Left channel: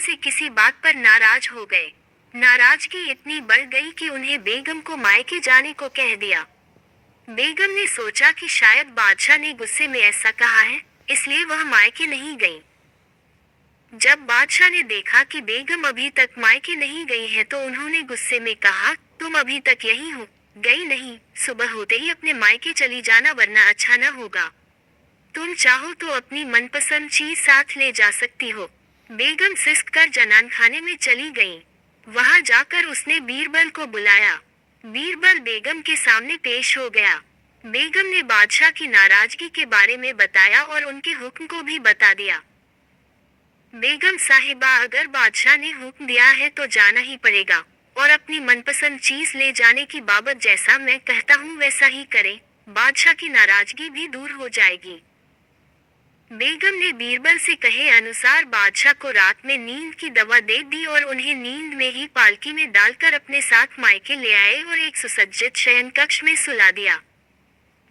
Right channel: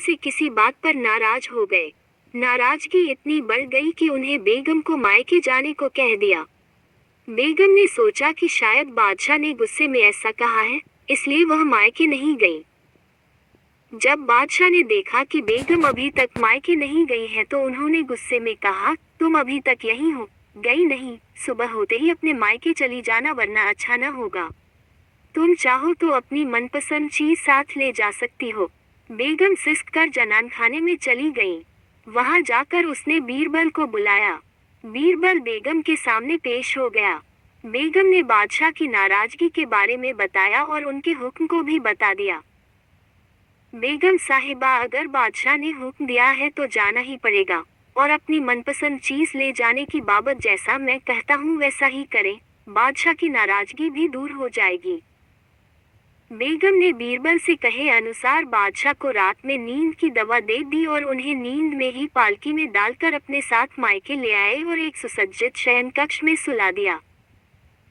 से किसी बात पर नाराज हो गए। नाराजगी इतनी बढ़ गई कि उन्हें बेगम को मायके जाने को कह दिया। बेगम ने सोचा कि शायद बादशाह ने गुस्से में ऐसा कहा है, इसलिए वह मायके नहीं गई। जब बादशाह ने देखा कि बेगम अभी तक मायके नहीं गई है तो उन्होंने गुस्से में कहा, तुम अभी तक यहीं हो, गई नहीं, सुबह होते ही अपने मायके चली जाना वरना अच्छा न होगा। तुम चाहो तो अपनी मनपसंद चीज साथ ले जा सकती हो। बेगम सिसक कर जनान खाने में चली गई। वहां जाकर उसने बीरबल को बुलाया। बीरबल बेगम के सामने पेश हो गया। बेगम ने बादशाह की नाराजगी के बारे में बताया और उनके हुक्म को भी बता दिया। बेगम साहिबा, अगर बादशाह ने हुक्म दिया है तो जाना ही पड़ेगा, और अपनी मनपसंद चीज ले जाने की बाबत जैसा मैं कहता हूँ वैसा ही करें, बादशाह की नाराजगी भी दूर हो जाएगी। बेगम ने बीरबल से कहे अनुसार बादशाह को रात में नींद की दवा दे दी और उन्हें नींद में ही पालकी में डालकर अपने साथ मायके ले आए और एक सुसज्जित शयन कक्ष में सुला दिया।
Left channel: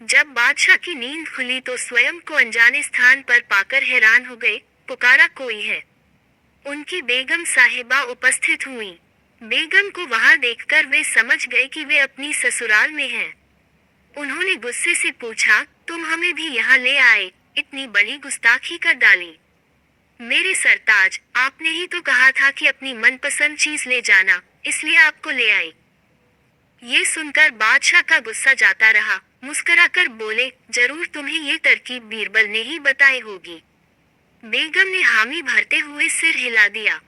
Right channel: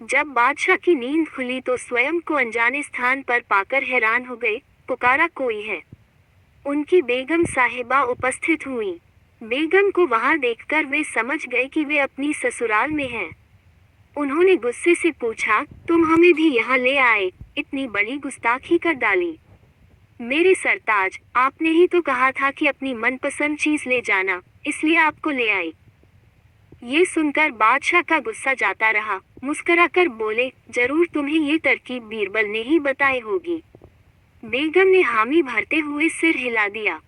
जब बादशाह की नींद खुली तो स्वयं को अनजाने स्थान पर पाकर हैरान हो गए। पुकारा, कोई है। उनकी बेगम साहिबा उपस्थित हुई। बेगम को वहां देखकर वे समझ गए कि वे अपनी ससुराल में हैं। उन्होंने गुस्से से पूछा, तुम हमें भी यहाँ ले आए, इतनी बड़ी गुस्ताखी कर डाली। मेरे सरताज, आपने ही तो कहा था कि अपनी मनपसंद चीज ले जाना, इसलिए आपको ले आई। ये सुनकर बादशाह का गुस्सा जाता रहा। मुस्कुराकर बोले, जरूर तुम्हें ये तरकीब बीरबल ने ही बताई होगी। बेगम ने हामी भरते हुए सिर हिला दिया।